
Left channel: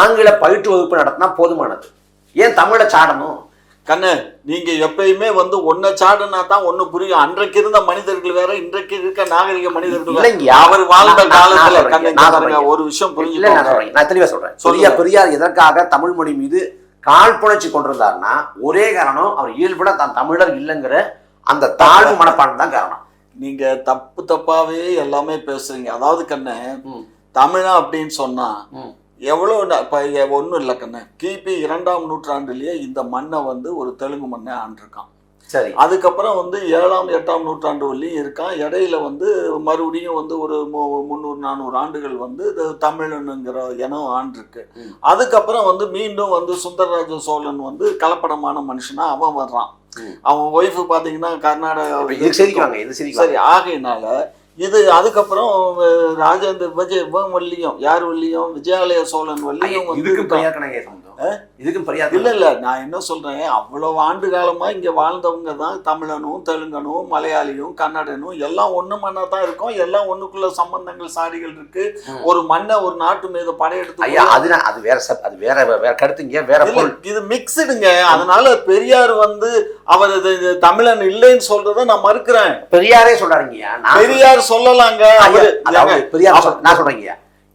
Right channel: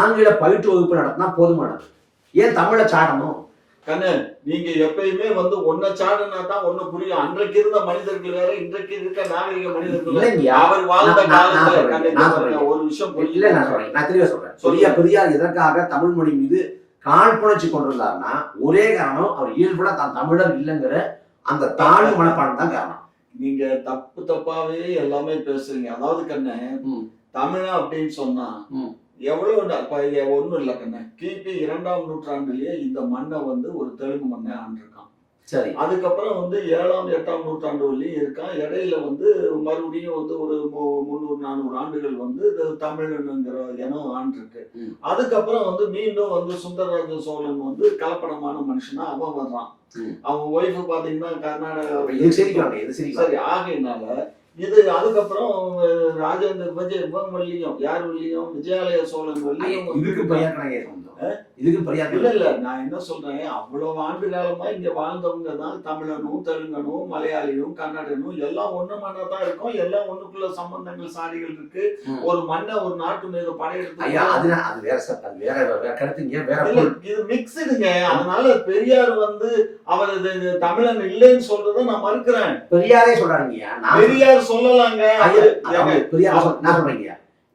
ஆங்கில பயிற்று வகுப்பு நடத்தினா போதுமானது, ஏன் தமிழை சாடணும்? கண்ணு, நீங்க எப்பயுமே வந்து ஒன்ன சாடுனா தான் ஒண்ணு புரியும். அன்றைக்கு இருந்த மனிதர்கள் வேற, இன்றைக்கு இருக்க நாகரிக மனிதர்கள் அவர் வாழ்ந்த காலத்துல ஒரு விஷயம் புரியல. நான் தெளிவா சொல்றேன். பெரியார் எதற்காக தமிழ் மொழி மீது காழ்ப்புணர்ச்சி கொண்டிருந்தாருன்னா, ஒரே காரணம், அவர் இயல்புட தான் தமிழர் இல்லைங்கிற அந்த தாழ்வு மனப்பான்மை தான் காரணம். நீங்க தப்பாவே எல்லாமே பேசுறீங்க. அதாவது கண்ணு, தமிழா அப்படின்னு சொன்னா எவ்வளவு ஒண்ணும் இல்லை கண்ணு, கிபி 2ஆம் நூற்றாண்டுலயே இந்த மண்ணை வந்து ஒரு தெலுங்கு மண்ணை ஆண்டிருக்கான். சரி, அதுக்கப்புறம் வந்து 7ஆம் 8ஆம் நூற்றாண்டு வரையும் இருக்கான். இடையில வந்து மறுபடியும் வந்து ஒரு 300-400 ஆண்டுகள் வந்து தமிழனுங்கிற இனம் ஆண்டிருக்கு. அதுக்கப்புறம் வந்து மீண்டும் வந்து சுந்தரராஜ சோழன் வந்து கலப்படமான மனுஷனா அவன் வர்றான். அவன் ஒய்ஃபு பாத்தீங்கன்னா கர்நாடகா. சரி, ஆகையினால இது அதுக்கப்புறம் ராஜேந்திர வள்ளியும், யார் வள்ளியும், விஜயாலய சோழன் வள்ளியும் இல்ல. நான் என்ன சொல்றேன், அவ்வளவு ஆண்டு காலமா இங்க வாழ்ந்தவங்க தான் தமிழனும் தெலுங்கனும் மலையாளியும் கன்னடனும் எல்லாம் ஒண்ணு மண்ணா தான் இருக்கும். எல்லாம் ஒண்ணுக்குள்ள சம்பந்தங்கள் சாடிகள் இருக்கு. ஒரு மண்ணை ஒரு நாட்டு மீது படையெடுத்து இது மிக்ஸ்டுங்க. அதனால பெரியார் வந்து அவர் தமிழன் இல்லைன்னு சொல்றத நான் மறுக்கிறேன். பெரியாரே சொல்றாருங்க, பெரியார் சொல்லலாங்க. நான் சொல்றேங்க,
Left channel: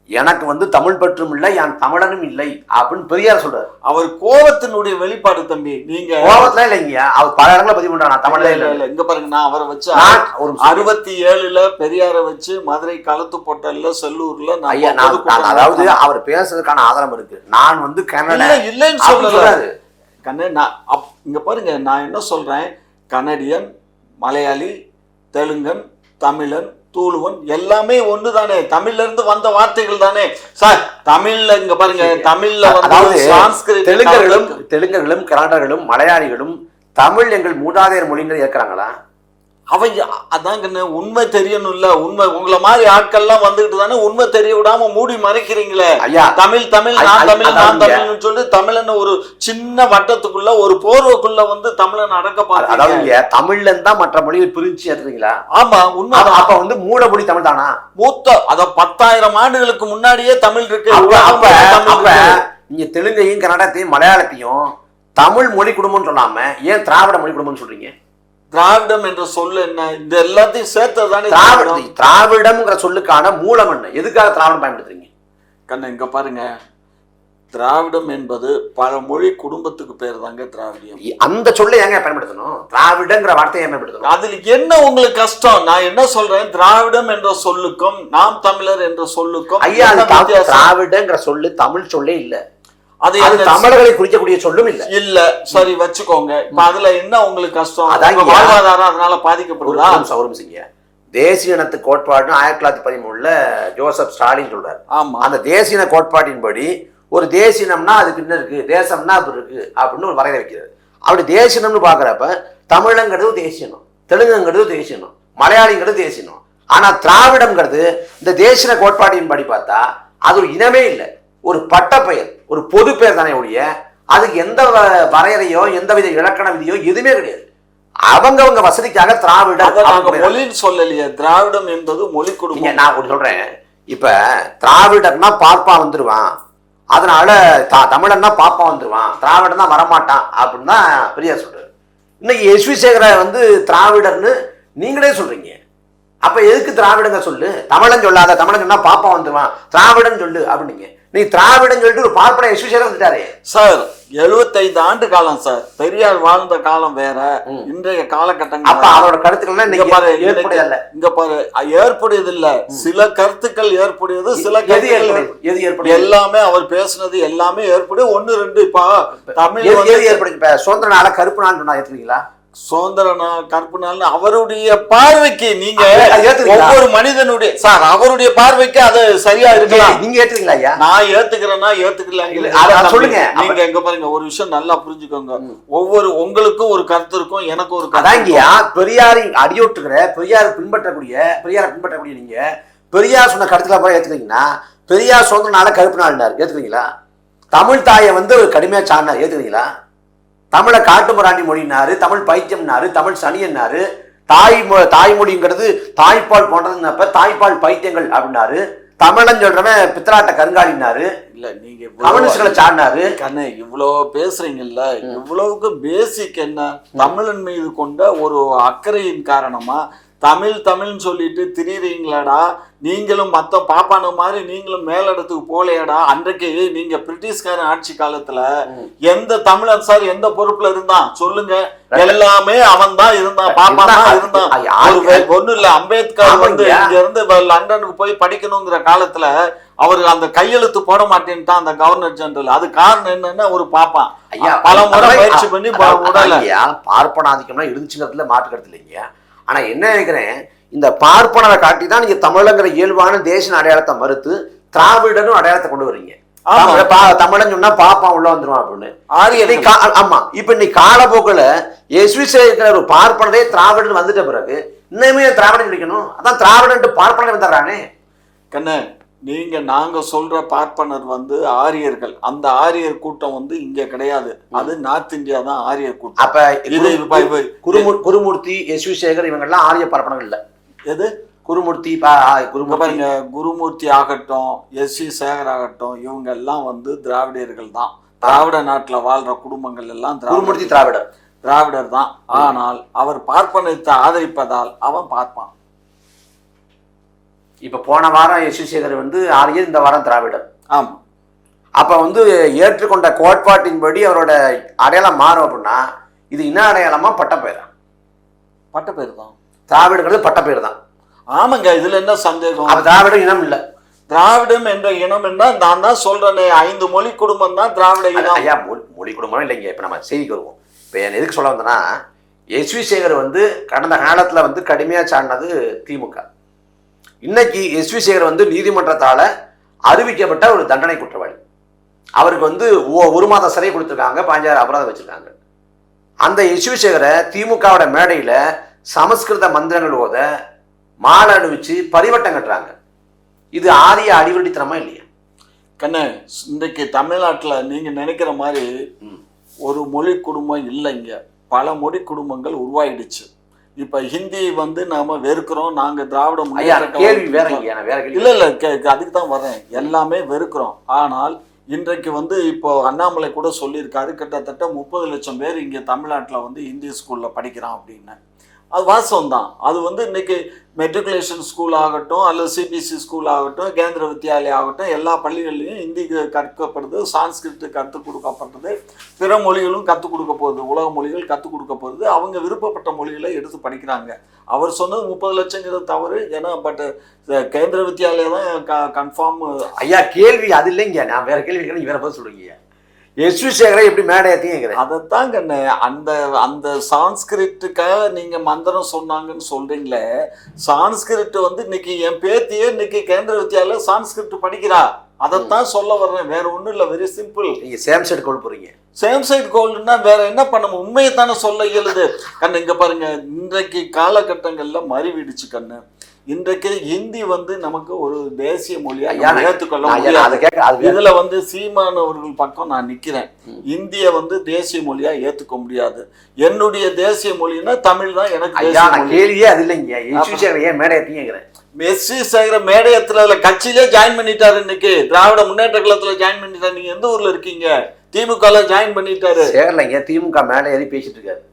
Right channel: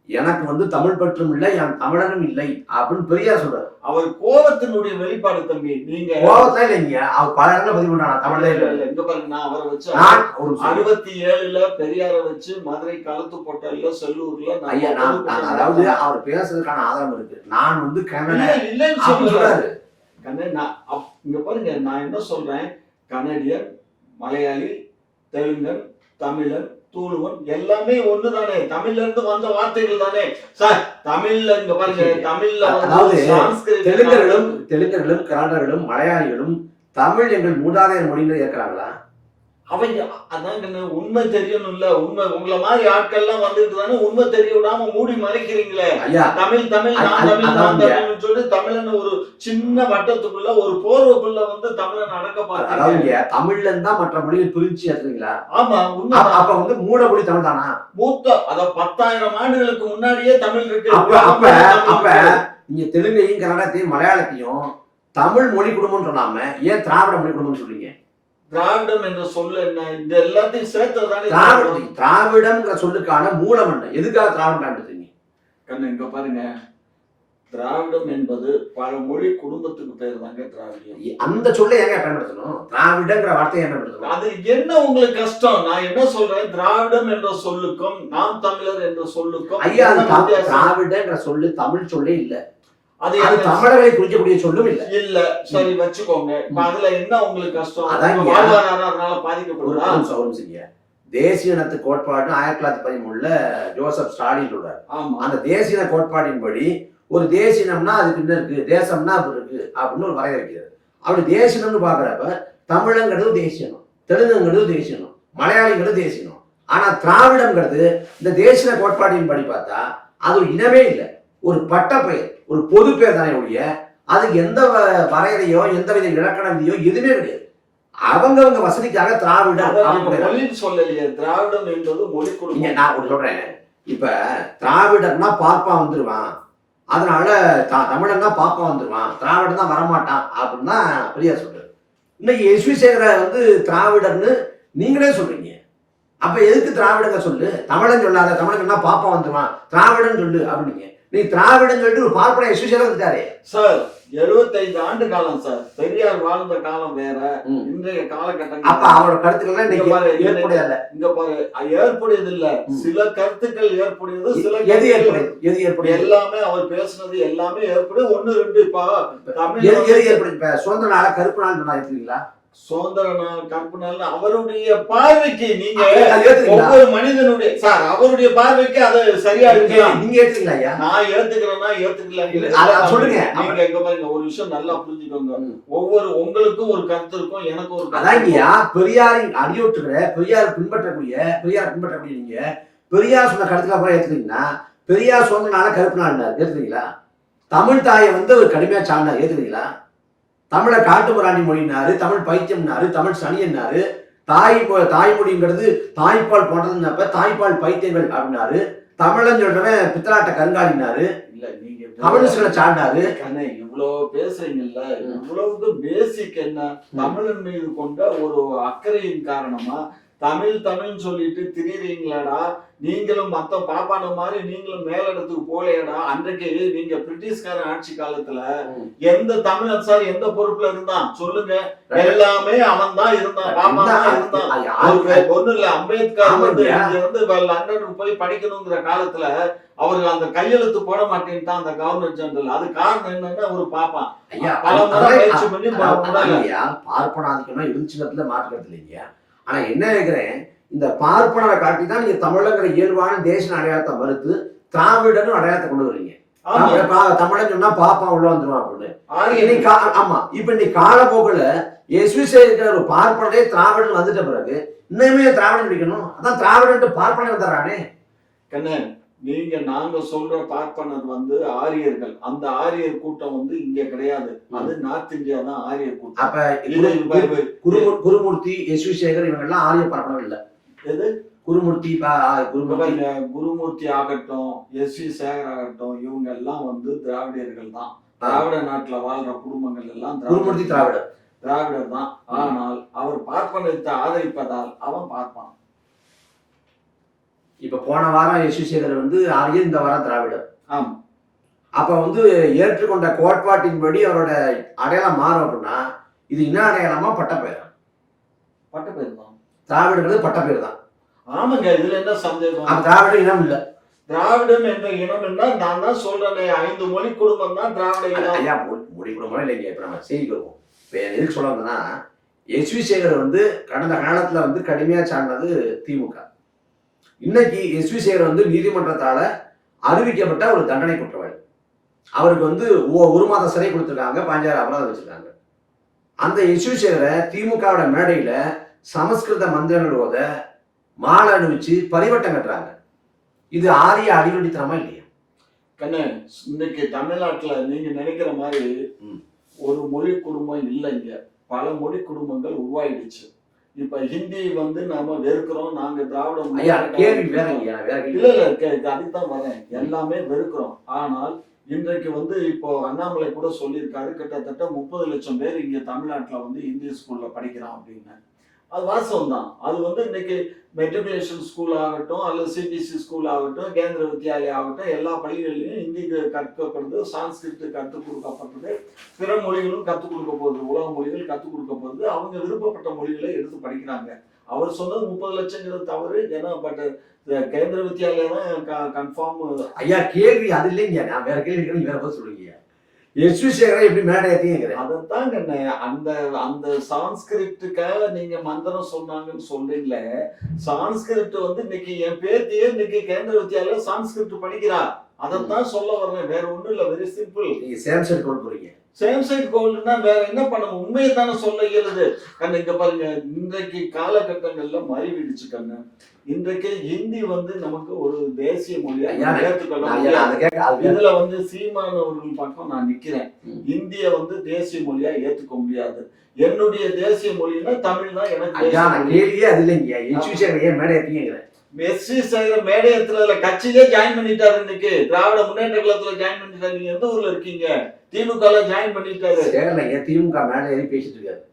எனக்கு வந்து தமிழ் பற்றும் இல்லை, என் தமிழனும் இல்லை அப்படின்னு பெரியார் சொல்றாரு. அவர் கோபத்தினுடைய வெளிப்பாடு தம்பி. நீங்க கோபத்துல இல்லைங்க, அவர் பல இடங்களை பதிவு பண்றாங்க, தமிழே இல்ல. இங்க பாருங்க, நான் அவரை வச்சு 67ல பெரியாரை வச்சு மதுரை களத்து போட்டல்ல செல்லூர்ல அதாவது அவர் பேசுறதுக்கான ஆதாரம் இருக்கு. நான் வந்து கன்னட இல்லைன்னு சொல்றாரு கண்ணே. இங்க பாருங்க, நான் என்ன சொல்றேன், கனடியன், மலையாளி, தெலுங்கன், தமிழன், தூளுவன் எல்லாமே ஒண்ணுதானே, தமிழ்ல இருந்து வந்த வார்த்தைகள் தானே சார். தமிழ்ல இங்க பாருங்க, தமிழ்ல வந்து தெலுங்கர்களும் கன்னடர்களும் மலையாளிகளும் தமிழ் எங்கள் மூதாதையர் மொழிகள் ஏற்கிறாங்களா? அவங்க அதாங்க உண்மை தெரியணும்ல. உண்மை உங்களை மாதிரி ஆட்கள்லாம் வந்துகிட்டு தானே உண்மை தெரிய விடாம மூடி மறைக்கிறீங்களே. தமிழ் தமிழ் நான் தமிழ் நான் தமிழ்னு சொல்லி தமிழன் ஒரு சின்ன வட்டத்துக்குள்ள ஒரு போர்வைக்குள்ள வந்து தமிழன் அடக்க பாரு. அதாவது தமிழ்ல இருந்தா மற்ற மொழியை பிரிச்சு ஏற்றுறீங்களா? ஆமா, உண்மை. அப்ப வந்து மூடமொழி தமிழ் தானா? மூத்த அத 10,000 ஆண்டுகளுக்கு முன்னாடியே தமிழ் இருக்கு. அப்ப நீங்க தெலுங்கையும் கன்னடத்தையும் மலையாளத்தையும் தமிழ் மொழி குடும்பம்னு சொல்லாம ஏன் திராவிட மொழி குடும்பம்னு சொல்றீங்க? திராவிடம் என்ற சொல்லு என்ன? இது எல்லாத்தையும் சேர்த்ததானே திராவிடம்ங்கிற சொல்லுக்கான மூலம் என்ன? எதுக்காக திராவிடம் பயன்படுத்துறீங்க? கண்ணு, இங்க பாருங்க, திராவிடம் என்பது பல மொழி குடும்பத்துக்கு பேர் தாங்க திராவிடம். அந்த சொல்லை ஏங்க பயன்படுத்தணும்? திராவிடங்கிற வார்த்தையை பயன்படுத்தணும். அதுல என்ன உங்களுக்கு கஷ்டம்? நான் என்ன சொல்றேன், திராவிடம் என்ற சொல்லுக்கும் நாம் தமிழர் என்ற சொல்லுக்கும் ஐயா, திராவிடங்கிற சொல்லு தமிழ் சொல்லே இல்ல, அது தமிழர்களை குறிக்கக்கூடிய சொல்லும் இல்ல. இல்ல, சரி வச்சுக்கோங்க. இப்ப அதுல என்ன உங்களுக்கு கஷ்டம்? வாழ்வாதாரம் அதனால பாதிக்கப்படுதா? தேசிய இனத்து கோட்பாடு 1913 ஜோசப் ஸ்டாலின் சொல்றாரு. அந்த தேசிய இன கோட்பாட்டின்படி ஒரு தேசியம்னா அதுக்கு என்ன இருக்கு, தேசம்னா அது இருக்கு அப்படின்னு ஒரு வரையறை வைக்கிறாரு. அப்படி தேசியம்னு பாக்குறப்ப தமிழங்கிறது தேசியனம், தெலுங்குங்கிறது தேசியனம், மலையாளிங்கிறது தேசியனம். ஆனா திராவிடம்ங்கிறது இந்த தேசிய கோட்பாட்டின் படி பார்த்தா அது ஒரு இனமே இல்லை, ஒரு பட்டப்பெயர், ஒரு பொது பெயர் தானே ஒழிய அதுக்கு எந்த வரையறையோ எந்த வித இலக்கண விதியோ எதுவுமே கிடையாது. அவங்க வசதிக்காக திராவிடம் மொழின்னு சொல்லலையே. திராவிடம் என்பது மொழி குடும்பம். நான் ஒரு சொல்றேன், இப்ப திராவிடர்னா பாப்பா வந்துருவான், அதனால தமிழன்னா பாப்பா வந்துருவான், திராவிடம் தான் வரமாட்டான் அப்படின்னு தான் பெரியார் சொல்றாரு. இன்னைக்கு எஸ் வி சேகர வந்து திராவிடர்னு நீங்களே சொல்றீங்க. அப்ப எதுக்கு திராவிடங்க சொல்லு, தமிழன் சொல்லாத, தமிழன்னா பாப்பா வந்துருவான், திராவிடன் சொல்லு அப்படின்னீங்க. நீ திராவிடன் சொல்லிட்டு ஒரு பார்ப்பன எஸ் வி சேகர் வந்துட்டாரு சார். 75 ஆண்டு காலம் சார். பெரியார் வாழ்ந்த காலம் வேற, இன்றைய காலகட்டங்கள். அப்ப அவரோட கருத்துக்கள் இங்க பாரு ஏற்புடையது இல்ல, சில கருத்துக்கள் ஏற்புடையது, சில கருத்துக்கள் எல்லாமே அவர் பேசுனது எல்லாமே ஏற்புடைய 1 2 இப்ப தமிழ் ஏற்படுது. சுதந்திர நாள கருப்பு நாள் சொன்னா ஏத்துறீங்களா? சுதந்திர நாள் கருப்பு நாள் அவருடைய பார்வைக்கு, நீங்க ஒவ்வொரு மனிதனுடைய சார் அவருடைய பார்வைக்கு அது சரியா இருக்கு. நீங்க ஏத்துறீங்களா ஐயா? நான் ஏத்துக்கிறேன்னா ஏத்துக்கல சொல்லுங்க. நீங்க எங்க பாருங்க, ஒரு விஷயம் நல்லா புரிஞ்சுக்கோங்க. உங்களுக்கும் ஒரு கருத்து இருக்கும், எனக்கு ஒரு கருத்து. அதாங்கய்யா பெரியாரை அடியோட்டுக்கிற, பெரியாரை பின்பற்றக்கூடிய நீங்க பெரியார் சொன்ன கருத்துல போய் ஏத்துக்கிறீங்கன்னா, பெரியார் சுதந்திர நாள கருப்பு நாள் ஏத்துக்கிறீங்களா? தமிழ் தாயை வந்து ஒரு கடுமையா சாடினார், ஏத்துக்கிறீங்களா? தமிழை காட்டுமிராண்டி மொழினாரு, தமிழ் பைத்தியம்னாரு, தமிழ் சனியன்னாரு, தாய்மொழிங்கிறது தாய்ப்பால் போன்றதுன்னப்ப தாய்ப்பால் பைத்தியங்கள் அப்படின்னாரு, தமிழன் சொல்றவன் பித்தலாட்ட கருங்காலினாரு, இல்ல நீங்க கம்யூனிஸ்ட்களை சாடினாரு. கண்ணே இவ்வளவு பேசுறீங்கல்ல, இவ்வளவுக்கு பேசிக் என்ன? தமிழன் மீது கொண்ட ஒரு அக்கறையின் காரணமா தமிழ்னு சொல்லிட்டு திரிறீங்களாடா? நீங்களும் மத்த பாப்பான மாதிரி நீங்களும் மேலிடத்துக்கு போலையாடா? அன்றைக்கு நீங்க பிரிட்டிஷ்காரன் ஆட்சி காலத்துல எந்த தமிழன் சார் எந்த பொறுப்புல இருந்தான் சொல்லுங்க? எல்லாமே அவன் தான் இருந்தான், பாப்பா தான் இருந்தான். ஒண்ணு இல்ல, அம்பேத்கர் வந்து இங்க இருந்து லண்டனுக்கு போய் படிக்கணுங்கிற காலத்துல அவரு அந்த கையெழுத்து போட மாட்டேன்ட்டான் அந்த கவர்னர் ஜெனரல். அது காரணம் என்னன்னா ஒரு பாப்பான் பல முறை பயிற்சி பண்ணி பார்ப்பனாதிக்கம்னா இருந்துச்சுங்கிறதுல மாற்று கருத்து இல்லைங்க. ஆனா என்ன நினைக்கிறேன், இந்த பார்ப்பனரை காட்டி தான் நீங்க தமிழங்கிற இயல்பான தேசிய அடையாளத்தை மறுத்து திராவிடனும் அடையாளத்தை கொண்டு வரீங்க. தமிழன் சொன்னா பாப்பா உள்ள வந்துருவான் அப்படின்னு. ஆமா, இப்ப இன்னைக்கு காலப்போக்கில் எஸ் வி சேகர் ஒரு பார்ப்பனரே திராவிடன் வந்துட்ட பிறகு இன்னுமே திராவிடன் கிடைக்கணும். அதான் திராவிடன் பார்ப்பனர் வந்துடுறானே. கண்ணு நாங்க சொல்ற பார்ப்பனர் வந்து ஆரியர்கள். அந்த ஆரியர் கூட்டம் வந்து இங்க கிடையாது, அது நார்த் இந்தியா தான் ஆரியர் கூட்டம். அப்ப குருமூர்த்தி, எஸ் வி சேகர் இவங்க எல்லாம் ஆரிய பார்ப்பனர் இல்ல. எது குருமூர்த்தி பாருங்க, குருமூர்த்தி ஆகட்டும், எஸ் வி சேகர் ஆகட்டும், இவங்க எல்லாம் வந்து திராவிடர்கள் தான். திராவிட நாட்டுல வாழ்ற குடும்பங்கள் எல்லாம் குருமூர்த்தி திராவிடர் தான். ஆனால் அவர் பார்ப்பனத்தை ஆதரிப்பதால் அவன் பார்ப்பான். இப்ப போன வாரம் எஸ் வி சேகர் வந்து ஆரியர், இந்த வாரம் திராவிடர். ஆமா, அப்ப வந்து ஏற்றுக்கொண்ட கோட்பாட்டின்படி அவரோட அடையாளம் மாறும் அப்படின்னா இது என்ன அடையாளமா? பட்டப்பெயரா? பட்டப்பெயர் தான். திராவிடங்கிறது பட்டப்பெயர் தான். ஆமாங்க, இதுல என்ன சந்தேகம்? அப்ப திராவிடம் இனம் இல்ல. திராவிடம் என்ற இனம் என்றால் நான் தான் சொல்றேன், 5 மொழி குடும்பம் தான் திராவிட இனம். ஐயா மொழி குடும்பம் இல்லைங்க. இப்ப நம்ம செய்திக்கு வருவோம். இப்ப எதுக்கு சொல்ல வந்தேன்னா, எஸ் வி சேகர் வந்து கடந்த காலத்துல வந்து கடுமையா சாடினது திமுக. இன்னைக்கு எஸ் வி சேகர் வந்து நீதிமன்றத்தால அறிவிக்கப்பட்ட ஒரு தண்டனை குற்றவாளி. அவருக்கு வந்து 1 மாதம் சிறை கொடுத்துருக்காங்க, 5000 அபராதம் வச்சிருக்காங்க. அந்த எஸ் வி சேகரை திமுகவோட மேடையில சமஸ்கிருத மந்திரங்கள் ஓத மாலை அணிவிச்சு பரிவட்டம் கட்டுறாங்க. இது ஆரிய அடிவடித்தனமா இல்லையா? கண்ணு, இன்றைக்கு தமிழ்நாட்டுல நீங்க நினைக்கிற மாதிரி ஒரு மொழி குடும்பம் இல்லைங்க, பல மொழி குடும்பங்கள் உருவாயிடுச்சு. இப்ப ஹிந்தி வந்து நாம வெறுக்கிறோம், நாங்க திராவிட இல்ல அதுக்கு தான் வரேன், எல்லாமே வெறுக்கிறோம். ஆனால் இன்றைக்கு வந்து இப்போ அண்ணாமலை கூட சொல்லியிருக்காரு, கிட்டத்தட்ட 30 லட்சம் பேர் இங்க தமிழ்நாட்டுல வந்து ஹிந்தி ஸ்கூல்ல படிக்கிறான் அப்படின்னு. அது வாசம் தான். அது வந்து இன்னைக்கு மெட்ரிகுலேஷன் ஸ்கூல் ஆகட்டும், அல்லது சிபிஎஸ்சி ஸ்கூல் ஆகட்டும், கேந்திர வித்யாலயா ஆகட்டும், எல்லா பள்ளிகள்லையும் ஹிந்தி கற்கப்படுது, சான்ஸ்கிரிட் கற்றுக் கொடுக்கப்படுறது, பிற மொழிகளும் கற்றுக் கொடுக்க போகுது, உலக மொழிகள் கற்றுக் கொடுக்க போகுது. அவங்க விருப்பப்பட்ட மொழிகளை எடுத்து படிக்கிறாங்க. அவர் சொன்னது 30 லட்சங்கிறது தவறு. ஏன்னா பட் கேந்திர வித்யாலயா தான் கன்ஃபார்ம். ஐயா கேள்வி அது இல்லைங்க, நான் வேற கேள்வி நீங்க வேற பதில் சொல்றீங்க. எஸ் வி சேகரை எப்படி மேடை ஏற்றிங்க? அதைத்தான் கண்ணு, அந்த சான்ஸ்கிரிட்டுக்காக நீங்க மந்திரம் சொன்னாங்கன்னு சொல்றீங்களே, சான்ஸ்கிரிட் வந்து இன்னைக்கு என் பேத்தியே இன்னைக்கு கேந்திர வித்யாலயா சான்ஸ்கிரிட் படிக்கிறா. அதைத்தான் சொல்ல வர்றேன், வேற ஒண்ணும் இல்ல. Very simple. நீங்க சேம் சைடு கோல் போறீங்க. சேம் சைடு கோல்னா வேற என்ன பண்ணணும்? உண்மையை தானே சொல்ல இயலுது. கண்ணு இங்க பாருங்க, இன்றைக்கு காலகட்டங்கள்ல மறிவிடுச்சு கண்ணு. இன்றைக்கு ஹிந்தி வந்து நமக்கு ஒரு தேசிய மொழியா ஐயா, நம்ம ஏற்றுக்கொள்ள ஐயா, முடியாது. அதை கேட்க அது இதுல வந்து சீமான் அவர்கள் பக்கம் நான் நிக்கிறேன். இந்திய வந்து தேசிய மொழியா ஏத்துக்க முடியாது. என்னுடைய தேசிய மொழின்னா தமிழ் தான் எனக்கு ஐயா, தேசிய நான் மொழி. கேள்வியே அது இல்லைங்க. எஸ்விசேகர் ஏன் மேடை ஏத்தீங்கிறேன். எஸ்வி சேகர மேடையத்துல கட்சியிலே ஜாயின் பண்ணிட்டாரு. இன்னைக்கு திராவிட முன்னேற்ற கழகத்துல ஜாயின் பண்ணிட்டாரு. நீங்க எந்த ஊர்ல இருக்கீங்க? திமுக ஜாயின் பண்ணிட்டாரு. சேகர்லைங்க திமுக மேடை ஏறி பேசிட்டு இருக்காரு.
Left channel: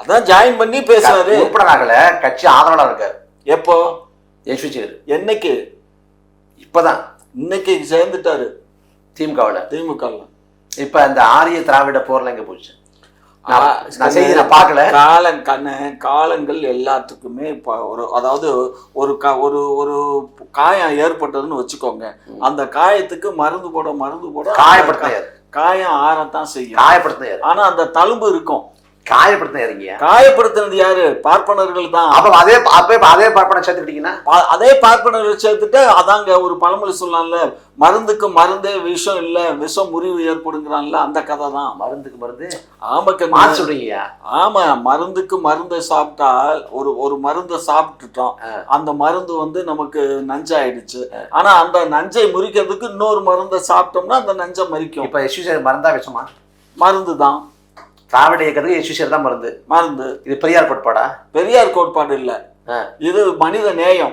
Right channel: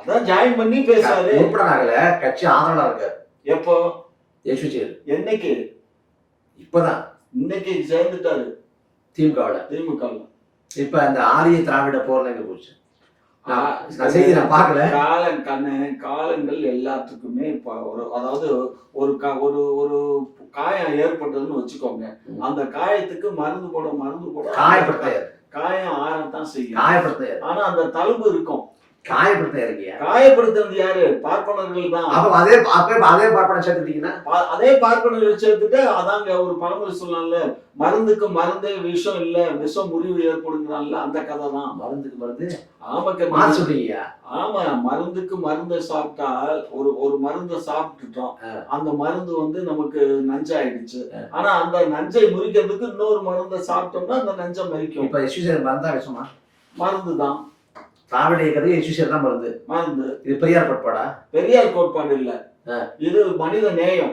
அதான் ஜாயின் பண்ணி பேசுறாரு. உறுப்பினராகல, கட்சி ஆதரவாளர் இருக்காரு. எப்போ? எஸ்விசேகர் என்னைக்கு? இப்பதான் இன்னைக்கு சேர்ந்துட்டாரு திமுகவுல. திமுக. இப்ப அந்த ஆரிய திராவிட போர்ல எங்க போச்சு? நான் செய்தி நான் பார்க்கல. காலங்கள் எல்லாத்துக்குமே இப்போ அதாவது ஒரு ஒரு காயம் ஏற்பட்டதுன்னு வச்சுக்கோங்க. அந்த காயத்துக்கு மருந்து போட காயப்படுத்த காயம் ஆறத்தான் செய்யும். காயப்படுத்த ஆனா அந்த தழும்பு இருக்கும். காயப்படுத்த காயப்படுத்துறது யாரு? பார்ப்பனர்கள் தான். அப்ப அதே பார்ப்பன சேர்த்துக்கிட்டீங்கன்னா அதே பார்ப்பனர்கள் சேர்த்துட்டு அதாங்க ஒரு பழமொழி சொல்லலாம்ல, மருந்துக்கு மருந்தே விஷம் இல்ல, விஷம் முறிவு ஏற்படுங்கிறான்ல, அந்த கதை தான். மருந்துக்கு மருந்து ஆமாக்க சொல்றீங்க. ஆமா, மருந்துக்கு மருந்தை சாப்பிட்டால் ஒரு மருந்தை சாப்பிட்டுட்டோம், அந்த மருந்து வந்து நமக்கு நஞ்சாயிடுச்சு. ஆனா அந்த நஞ்சை முறிக்கிறதுக்கு இன்னொரு மருந்தை சாப்பிட்டோம்னா அந்த நஞ்சை மறிக்கும். இப்ப எஸ்விசேகர் மருந்தா விஷமா? மருந்து தான். திராவிட இயக்கத்துக்கு எஸ்விசேகர் தான் மருந்து. மருந்து. இது பெரியார் கோட்பாடா? பெரியார் கோட்பாடு இல்ல, இது மனித நேயம்.